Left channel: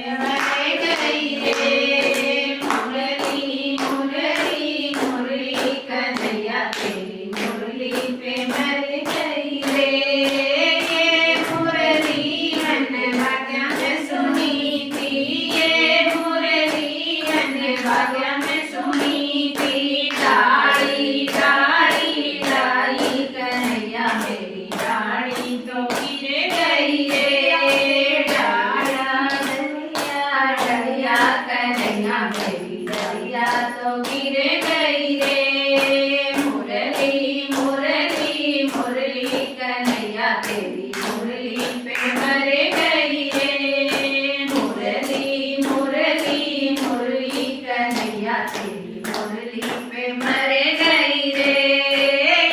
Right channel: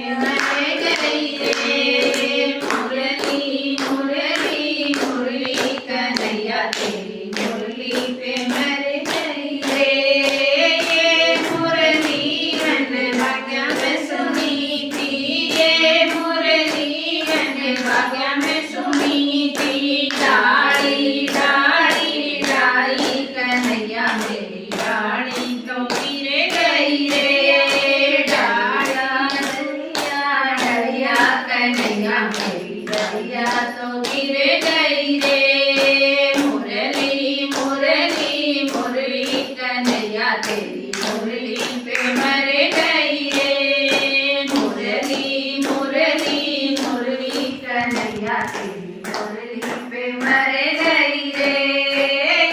मर गई रे मुरली मुरली मुरली कन्हैया तेरी मुरली पे मर गई रे। ये मुरली मैंने भाग्य में सुनी थी, ये मुरली मैंने भाग्य में सुनी थी। डाली डाली डाली कन्हैया मेरी डाली तो गिर गई रे। डाला डलिया कन्हैया मेरी डलिया तो गिर गई रे। मुरली मुरली मुरली कन्हैया तेरी मुरली पे मर गई रे। मुरली मुरली मुरली कन्हैया तेरी मुरली पे मर गई रे।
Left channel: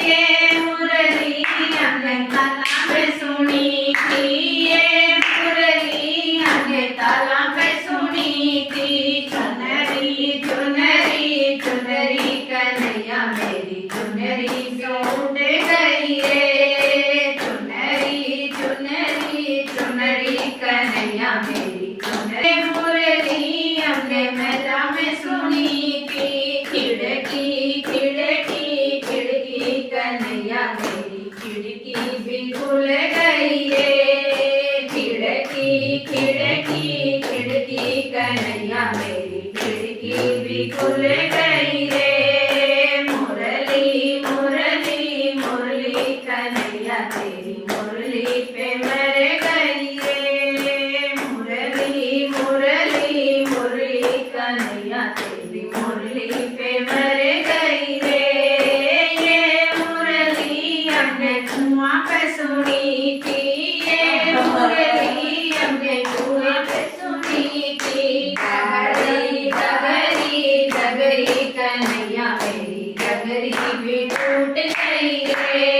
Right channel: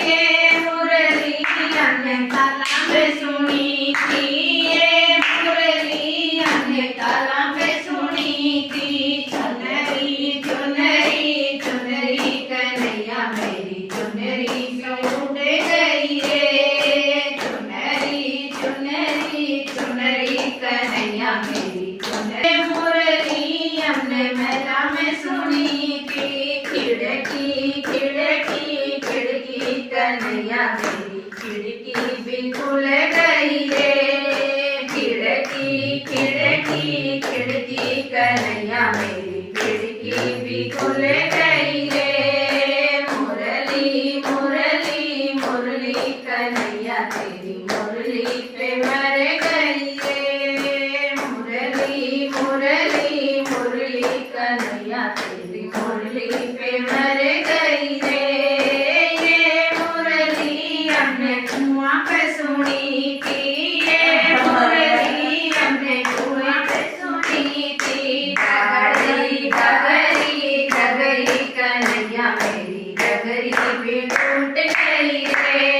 ये मुरली हमने ताला पे सुनी थी, ये मुरली हमने ताला पे सुनी थी। चुनरी चुनरी चुनरी कन्हैया मेरी चुनरी क्यों उड़ गई रे। चुनरी चुनरी चुनरी कन्हैया मेरी चुनरी। मुरली हमने मेला में सुनी थी। खिड़की खिड़की खिड़की कन्हैया मेरी खिड़की भी खुल गई रे। खिड़की खिड़की खिड़की कन्हैया मेरी खिड़की भी खुल गई रे। मुरली मुरली मुरली कन्हैया तेरी मुरली पे मर गई रे। मुरली मुरली मुरली कन्हैया तेरी मुरली पे मर गई रे। ये मुरली हमने कुआं पे सुनी थी, ये मुरली हमने कुआं पे सुनी थी। डगरी डगरी डगरी कन्हैया मेरी डगरी भी टूट गई रे।